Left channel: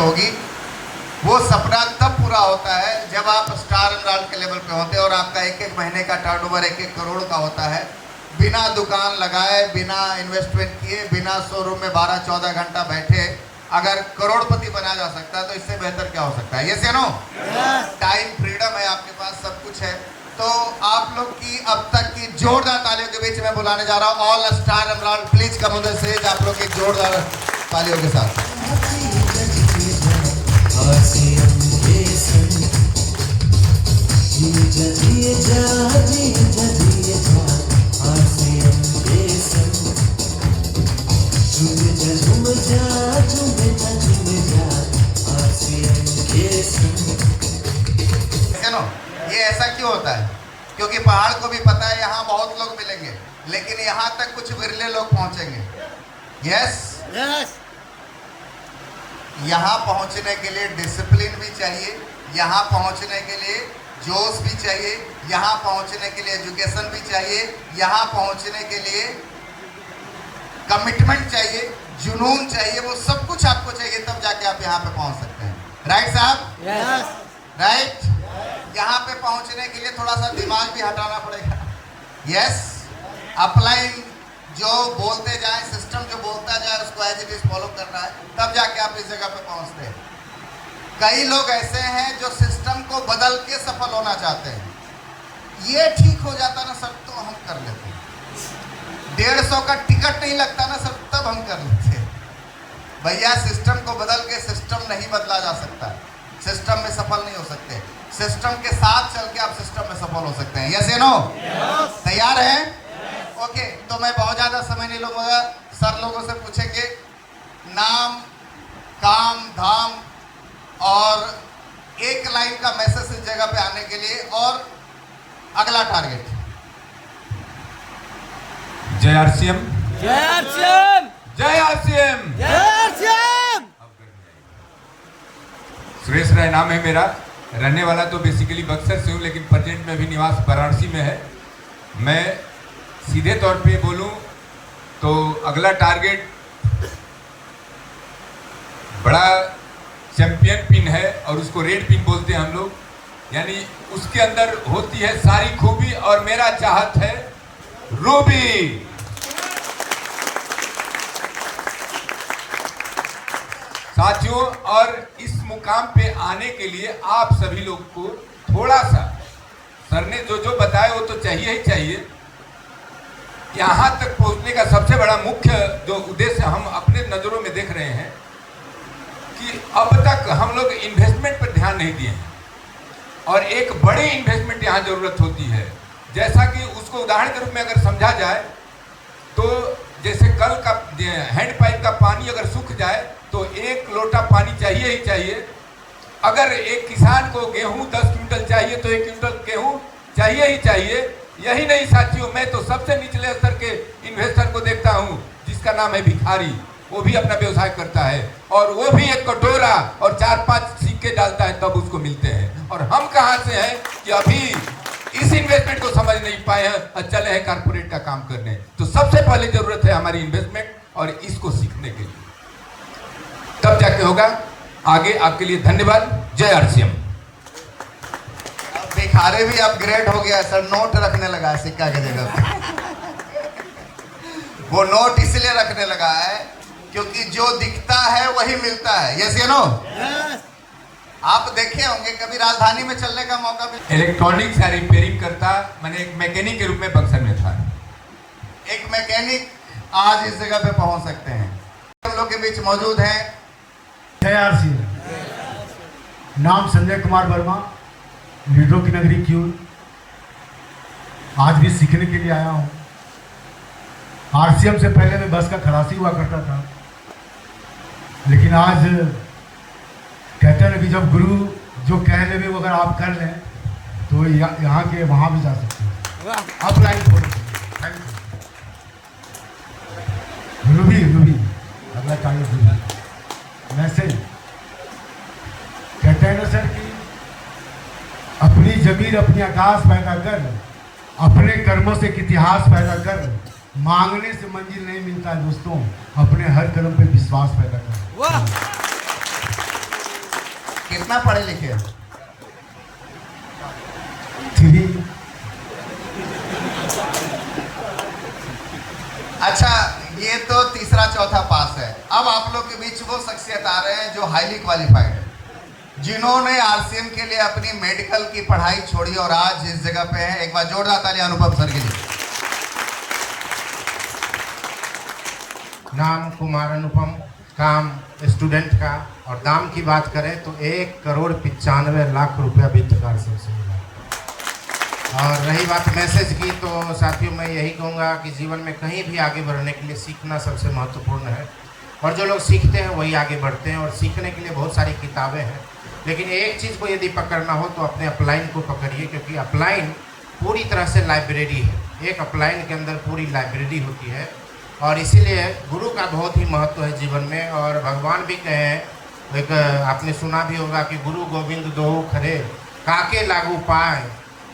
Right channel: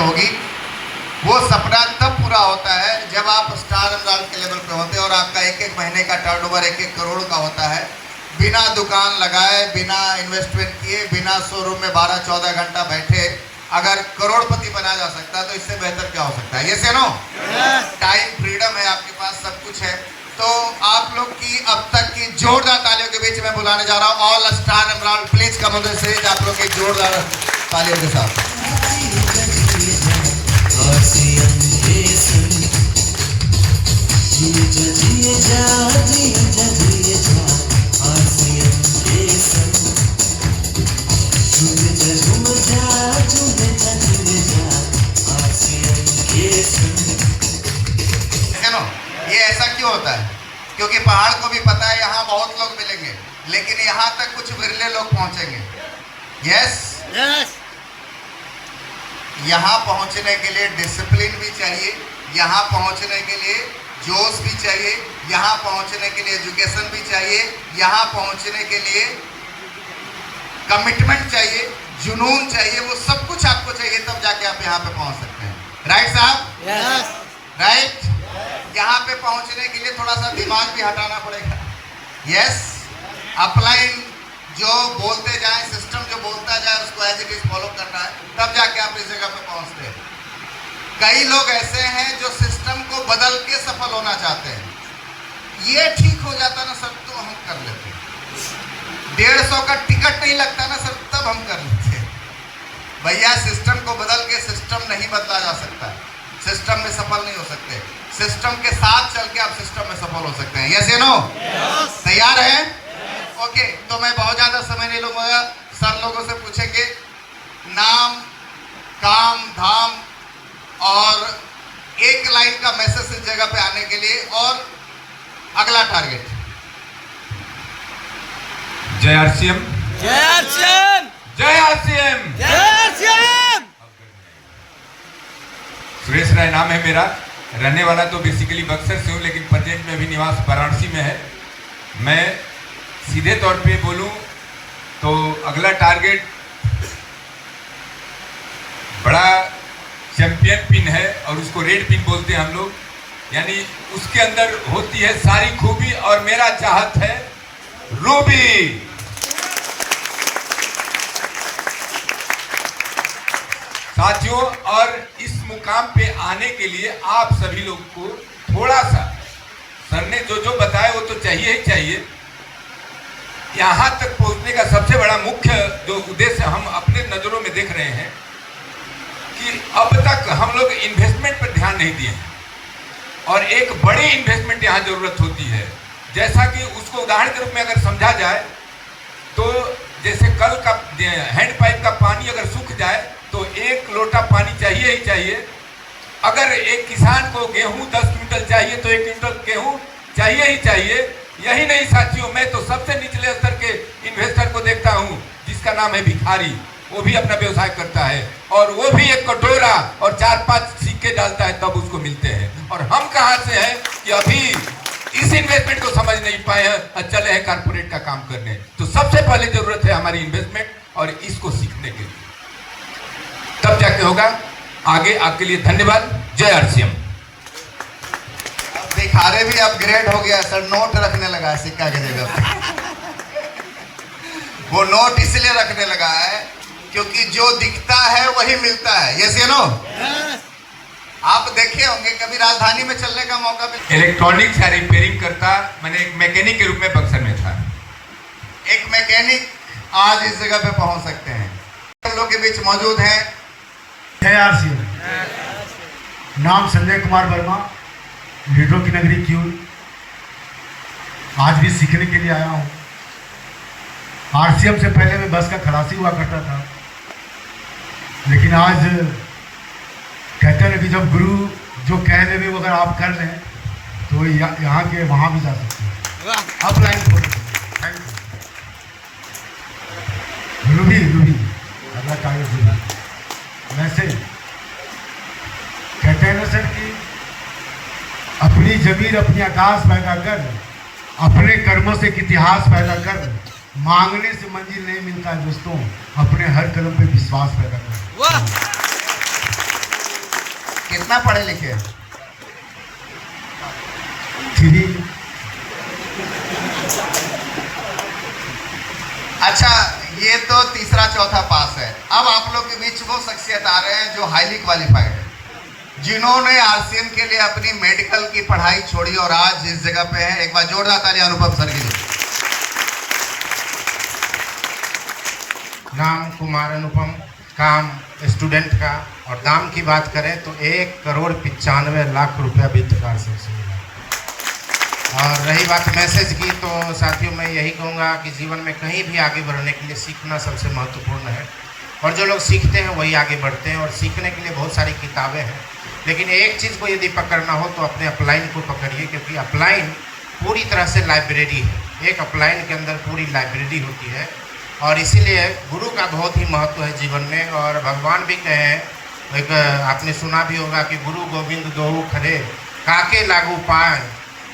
होगी। वो सपना तब पूरा होता है जब आप स्टार एमराल्ड के लेवल पे होते हैं और आपका एक एक महीने का टर्नओवर 1-1 करोड़ का होता है, बिना दुकान लगाए, बिना इन्वेस्टमेंट किए, बिना शोरूम में 12-14 घंटा बैठे अगर करोड़पति बना जा सकता है तो इससे बेहतर क्या हो सकता है? ये से नो टाइम, फ्रीडम है आपके पास, सब कुछ है। तो आप लोग की अब तक की जोरदार तालियों के बीच में बुलाने जा रहा हूँ all star emerald, please come on the stage, आप लोग की जोरदार तालियों के साथ। ये ऐसा क्यों होता है? क्योंकि पहाड़ को भी पता है यहाँ बहुत लोग मिलेंगे, लेकिन यहाँ तक कुछ विरले लोग पहुंचेंगे। यस, यहाँ पहुंचने के लिए डिसिप्लिन भी चाहिए, यहाँ पहुंचने के लिए जोश भी चाहिए, यहाँ पहुंचने के लिए एजुकेशन भी चाहिए, यहाँ पहुंचने के लिए कमिटमेंट चाहिए, जुनून चाहिए, वो सब कुछ आपको चाहिए, तब जाके आप यहाँ पे पहुंच सकते हैं। राइट साहब? राइट। यहाँ पे पहुंचने के लिए थोड़ा सा दिमाग भी हटाना पड़ेगा। यस, अपलाइन जो बोलते जाए, सिस्टम जो बोलता जाए उसको एज इट इज फॉलो करना है, तब जाके आप इस जगह पे पहुंचते हैं। कई लोग ऐसे हैं जो सिस्टम को बदल के सफल होना चाहते हैं। ये ठीक हो जाता ना सर तो हम कर लेते हैं। 150 का टिकट नहीं लगता ना सर तब हम कर लेते हैं। भैया सिस्टम को बदल के सिस्टम नहीं बदला जा सकता, सिस्टम में सफल नहीं हो सकते। सिस्टम के साथ चल के आप सिस्टम में सफल हो सकते हैं। यस या नो? तैयार हैं? ओके, तो मैं बहुत ज्यादा समय नहीं लूंगा। सब लोगों से पूछेंगे नाम, काम, धाम और एक लाइन का मैसेज इस जगह पे आने के लिए, और अगला टारगेट। जय आरसीएम, जय आरसीएम, जय आरसीएम, जय आरसीएम। सुरेश राय नाम है मेरा, रहने वाला तो बेसिकली बक्सर से हूँ, लेकिन प्रेजेंट में भी निवास वाराणसी में है। मैं सीधे तौर पे बोलूँ तो अगला टारगेट बड़ा चैंपियन पिन है और उसको रेड पिन बोलते हैं हम लोग, यानी उसके अंदर होती है सारी खूबी और मेरा चाहत है रूबी। साथियों, और इस मुकाम पे आने के लिए आप सभी लोग को थोड़ा सा, सर ने जो जो बताया वो तो चाहिए ही चाहिए। यहाँ तक पहुँचने का सबसे बड़ा मुख्य जो उद्देश्य हम अपने नज़रों में देख रहे हैं कि अब तक हम लोग इन्वेस्टमेंट पर ध्यान नहीं दिए हैं और एक बड़ी इन्वेस्टमेंट यहाँ जरूरत होती है। जैसा कि उसको उदाहरण के रूप में अगर समझा जाए तो जैसे कल का हैंडपाइप का पानी अगर सूख जाए तो 1 लोटा पानी चाहिए ही चाहिए। अगर एक किसान को गेहूं 10 क्विंटल चाहिए तो 1 क्विंटल गेहूं चाहिए ही चाहिए। यही नहीं साथियों, मैं तो सबसे निचले स्तर के इन्वेस्टर को देखता हूं जिसका नाम है भिखारी, वो भी अपना व्यवसाय करता है और वो भी एक कटोरा और 4-5 सिक्के डालता है तब उसको मिलते हैं। और हम कहां से हैं कि अभी इस इन्वेस्टमेंट को समझ नहीं पाए हैं और चले हैं कारपोरेट का काम करने। तो सबसे पहले जरूरत है हमारी इन्वेस्टमेंट और इसको सीखने के लिए, तब जाके होगा आगे। आपके लिए धन्यवाद। जय आरसीएम। भिखारी भी अपग्रेड हो गया सर, नोट रखने लगा सिक्का की जगह। वो नोट इसलिए रखने लगा है क्योंकि जो दिखता है वही मिलता है। यस या नो? आप देखे होंगे कभी राजधानी में चलने का मौका भी। इलेक्ट्रॉनिक्स या रिपेयरिंग करता, मैंने एक मैकेनिक के रूप में बक्सर में था। एक मैकेनिक आज इस जगह पे पहुंच सकते हैं। हम लोग के बीच मौजूद हैं जय आरसीएम। नाम संजय कुमार वर्मा, लीडरों की नगरी क्यों। आज भी सीखने के लिए आया हूँ। आरसीएम से पहले मैं बस का खलासी हुआ करता था, लेकिन आज कहते हैं कि जब गुरु जो कह दे भी अगर आप कर लें तो यहाँ के वहाँ भी जा सकते हैं। Upline thank you. रूबी अगला टारगेट मैसेज कहते हैं ना सर कि अपनी जमीन अपनी आकाश पैदा कर, अपने कर्मों से एक इतिहास पैदा कर। मांगने से मंजिल नहीं मिलता है दोस्तों, अपने हर कदम पे विश्वास पैदा कर। कितना पढ़े लिखे? 3। अच्छा, ये तो तीसरा चौथा पास है। अब आप लोग के बीच वो शख्सियत आ रहे हैं जो हाईली क्वालिफाइड है, जिन्होंने आरसीएम के लिए अपनी मेडिकल की पढ़ाई छोड़ी और आज इस जगह पे हैं। एक बार जोरदार ताली अनुपम सर के लिए। नाम कुमार अनुपम, काम स्टूडेंट का, और दाम की बात करें तो 1,95,00,000 रुपया वित्त पार्षद से मिला। और रही बात मैसेज की, तो साथियों मैं यही कहूँगा कि जीवन में कहीं भी आगे बढ़ने के लिए सीखना सबसे महत्वपूर्ण है, और जो लोग सीखते हैं वही आगे बढ़ते हैं। और सीखने के लिए बहुत सारी किताबें हैं, लेकिन एक चीज़ को यदि पकड़ना हो तो अपने अपलाइन को पकड़िए, क्योंकि अपलाइन पूरी तरह से लाइब्रेरी है। एक अपलाइन के अंदर पूरी लाइब्रेरी होती है, और इसीलिए गुरु का बहुत ही महत्व है जीवन में। और भगवान भी कहे हैं, एक आपने सुना भी होगा कि गुरु गोविंद दोहु खरे काके लागू पाए,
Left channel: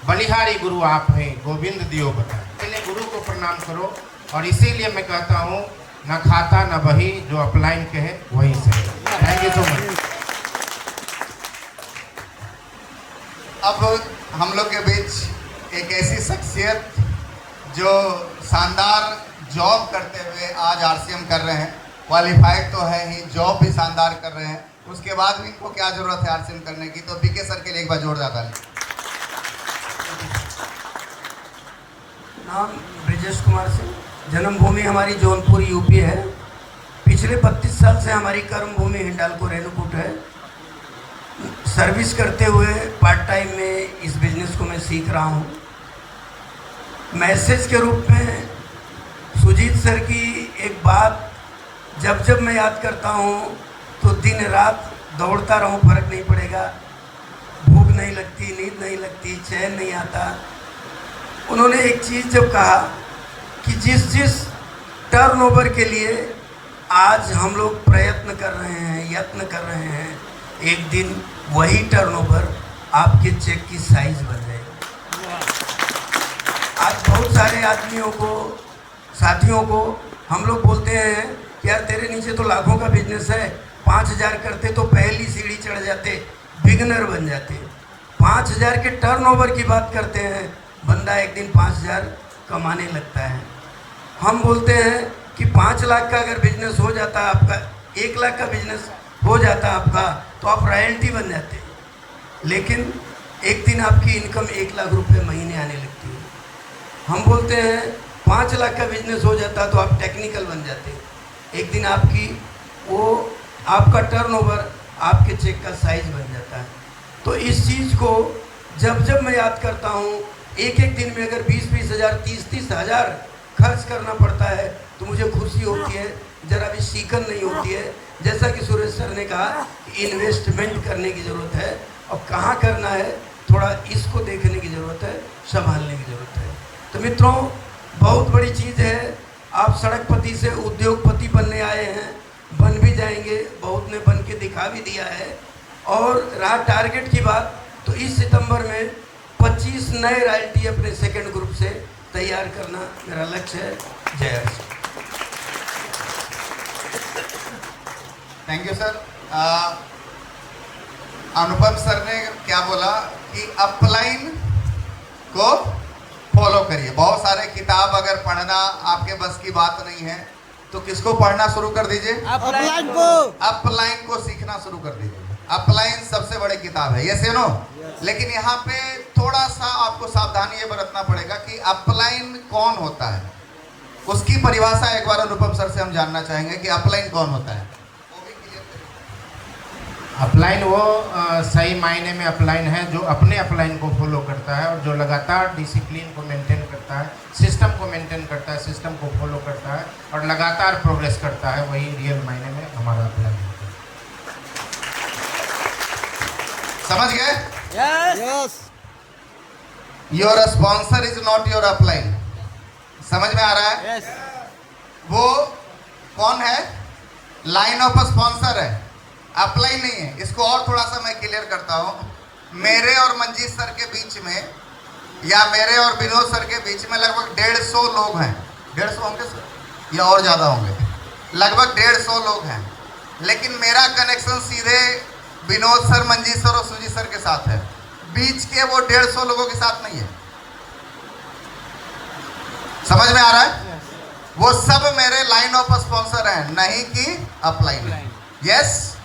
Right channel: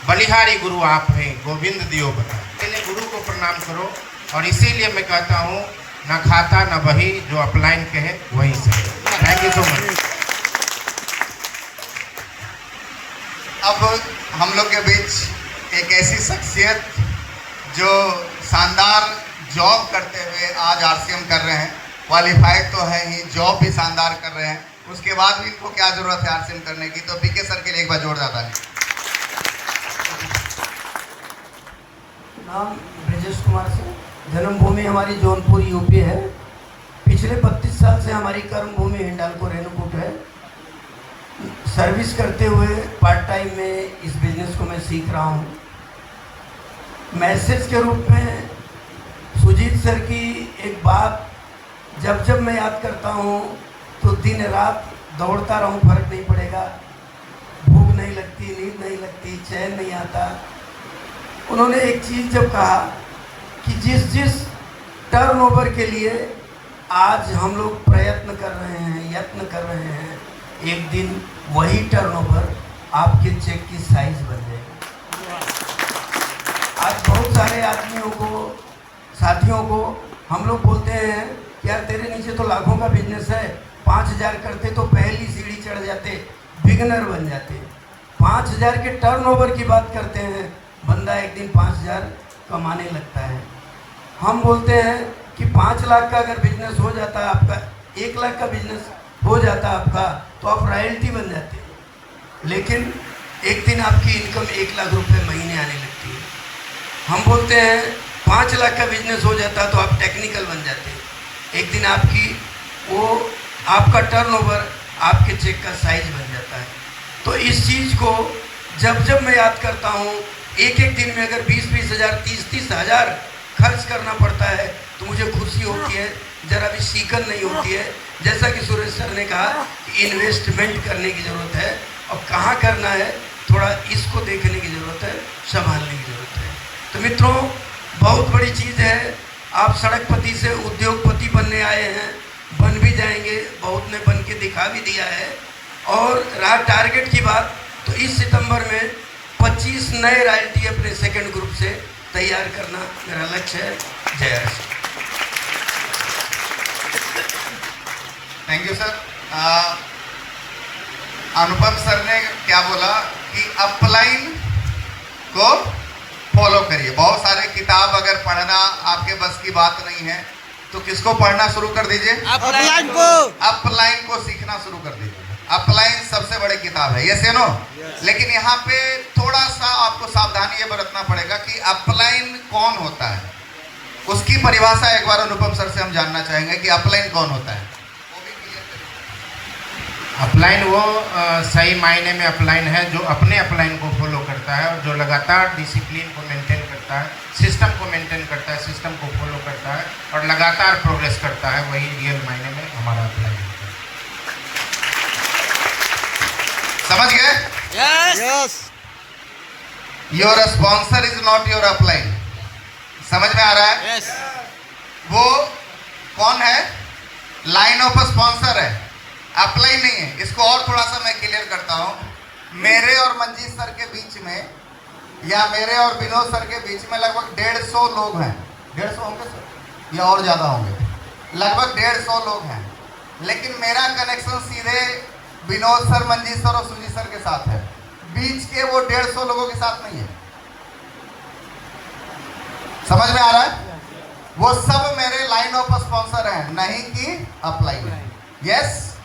बलिहारी गुरु आप हैं गोविंद दियो बताए। इसलिए गुरु को प्रणाम करो, और इसीलिए मैं कहता हूँ न खाता न बही, जो अपलाइन कहे वही सही। Thank you so much. अब हम लोग के बीच एक ऐसी शख्सियत जो शानदार जॉब करते हुए आज आरसीएम कर रहे हैं, क्वालिफाइड तो है ही, जॉब भी शानदार कर रहे हैं, उसके बाद भी इनको क्या जरूरत है आरसीएम करने की। तो बीके सर के लिए एक बार जोरदार ताली। नाम ब्रजेश कुमार सिंह, जन्मभूमि हमारी जौनपुर यूपी है। पिछले 32 साल से हमारी कर्मभूमि हिंडालको रेणुकूट है। सर्विस करते हुए पार्ट टाइम में इस बिजनेस को मैं सीख रहा हूँ। मैसेज के रूप में सुजीत सर की एक बात जब मैं याद करता हूँ तो दिन रात दौड़ता रहूँ, फर्क नहीं पड़ेगा। भूख नहीं लगती, नींद नहीं लगती, चैन नहीं आता। उन्होंने एक चीज़ जब कहा कि जिस टर्नओवर के लिए आज हम लोग प्रयत्न कर रहे हैं, यत्न कर रहे हैं, एक दिन वही टर्नओवर आपके चेक की साइज बन जाएगा। आज बहुत सारे आदमियों को, साथियों को हम लोग बोलते हैं कि यार तेरे नीचे तो लाखों का बिजनेस है, 5,000 करते तो पहली सीढ़ी चढ़ जाते, बिगनर बन जाते। 5,000 के टर्नओवर की बात करते हैं, बंदा एक दिन 5,000 कमाने लगता है। हम बोलते हैं कि 5 लाख का अगर बिजनेस हो जाता आपका, 1 लाख का बिजनेस हो जाता आपका, तो आप रॉयल्टी बन जाते। लेकिन एक दिन आपकी इनकम 1 लाख रुपए महीने आने लगती है। हम बोलते हैं 5 लाख का बिजनेस हो जाता तो आप टेक्निकल बन जाते। एक दिन आपका टर्नओवर आपके चेक का साइज बन जाता है। तो इस चीज़ को जब मैं याद करता हूँ, एक दिन में अगर 20-20 हज़ार, 30-30 हज़ार खर्च करना पड़ता है तो मुझे खुशी होती है, ज़रा भी सीखन नहीं होती है। जैसा कि सुरेश सर ने कहा, इन्वेस्टमेंट करने की ज़रूरत है, और कहाँ करना है थोड़ा इसको देखने की ज़रूरत है, संभालने की ज़रूरत है। तो मित्रों, बहुत बड़ी चीज़ है। आप सड़कपति से उद्योगपति बनने आए हैं, बन भी जाएंगे, बहुत ने बन के दिखा भी दिया है। और रहा टारगेट की बात, तो इस सितंबर में 25 नए रॉयल्टी अपने सेकंड ग्रुप से तैयार करना मेरा लक्ष्य है। जय Hind. Thank you sir. Anupam sir ने क्या बोला कि अपलाइन को फॉलो करिए। बहुत सारे किताब अगर पढ़ना आपके बस की बात नहीं है तो किसको पढ़ना शुरू कर दीजिए? अपलाइन को। अपलाइन को सीखना शुरू कर दीजिए। अपलाइन सबसे बड़ी किताब है, ये नो। लेकिन यहाँ पे थोड़ा सा आपको सावधानी ये बरतना पड़ेगा कि अपलाइन कौन होता है, उसकी परिभाषा एक बार अनुपम सर से हम जानना चाहेंगे कि अपलाइन कौन होता है। अपलाइन वो सही मायने में अपलाइन है जो अपने अपलाइन को फॉलो करता है, और जो लगातार डिसिप्लिन को मेंटेन करता है, सिस्टम को मेंटेन करता है, सिस्टम को फॉलो करता है और लगातार प्रोग्रेस करता है, वही रियल मायने में हमारा अपलाइन है। समझ गए? Yes. Your sponsor is not your upline. समझ में आ रहा है? यस। वो कौन है? लाइन ऑफ स्पॉन्सर है, अपलाइन नहीं है। इसको और थोड़ा सा मैं क्लियर करता हूँ। मेरे और मंजीत सर के बीच में, या मेरे और विनोद सर के बीच में लगभग 150 लोग हैं। 150 होंगे सर या और ज़्यादा होंगे? लगभग 150 लोग हैं। लेकिन मेरा कनेक्शन सीधे विनोद सर, मंजीत सर और सुजीत सर के साथ है। बीच के वो 150 लोगों के साथ नहीं है। समझ में आ रहा है? वो सब मेरे लाइन ऑफ स्पॉन्सर हैं, नहीं कि अपलाइन। यस,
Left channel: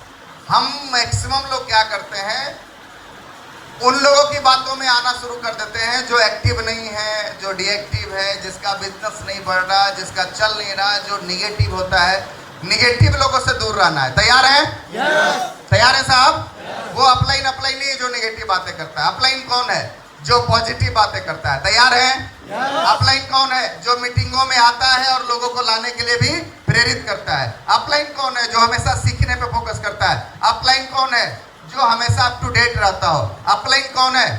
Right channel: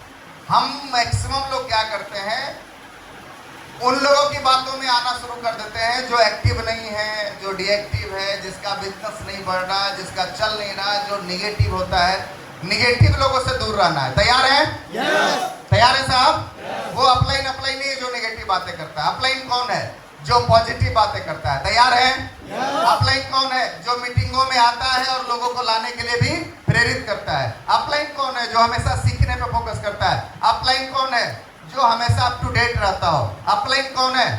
हम मैक्सिमम लोग क्या करते हैं, उन लोगों की बातों में आना शुरू कर देते हैं जो एक्टिव नहीं है, जो डीएक्टिव है, जिसका बिजनेस नहीं बढ़ रहा, जिसका चल नहीं रहा, जो निगेटिव होता है। निगेटिव लोगों से दूर रहना है। तैयार है? तैयार है साहब? वो अपलाइन नहीं है जो निगेटिव बातें करता है। अपलाइन कौन है? जो पॉजिटिव बातें करता है। तैयार है? अपलाइन कौन है? जो मीटिंगों में आता है और लोगों को लाने के लिए भी प्रेरित करता है। अपलाइन कौन है? जो हमेशा सीखने पे फोकस करता है। अपलाइन कौन है? जो हमेशा अप टू डेट रहता हो। अपलाइन कौन है?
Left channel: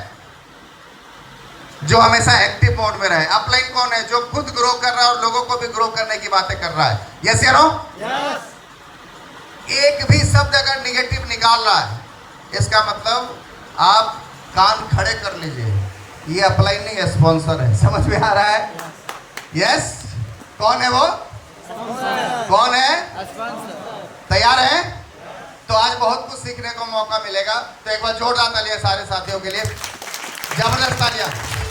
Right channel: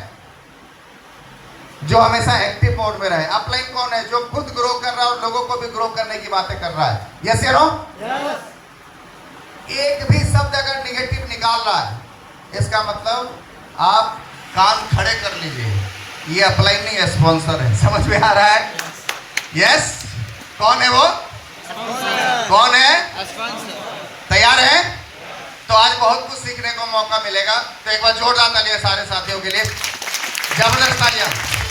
जो हमेशा एक्टिव मोड में रहे। अपलाइन कौन है? जो खुद ग्रो कर रहा है और लोगों को भी ग्रो करने की बातें कर रहा है। यस या नो? एक भी शब्द अगर निगेटिव निकाल रहा है, इसका मतलब आप कान खड़े कर लीजिए। ये अपलाइन नहीं है, स्पॉन्सर है। समझ में आ रहा है? यस। कौन है वो? कौन है? तैयार है? तो आज बहुत कुछ सीखने को मौका मिलेगा। तो एक बार जोरदार तालियां सारे साथियों के लिए। जबरदस्त तालियां।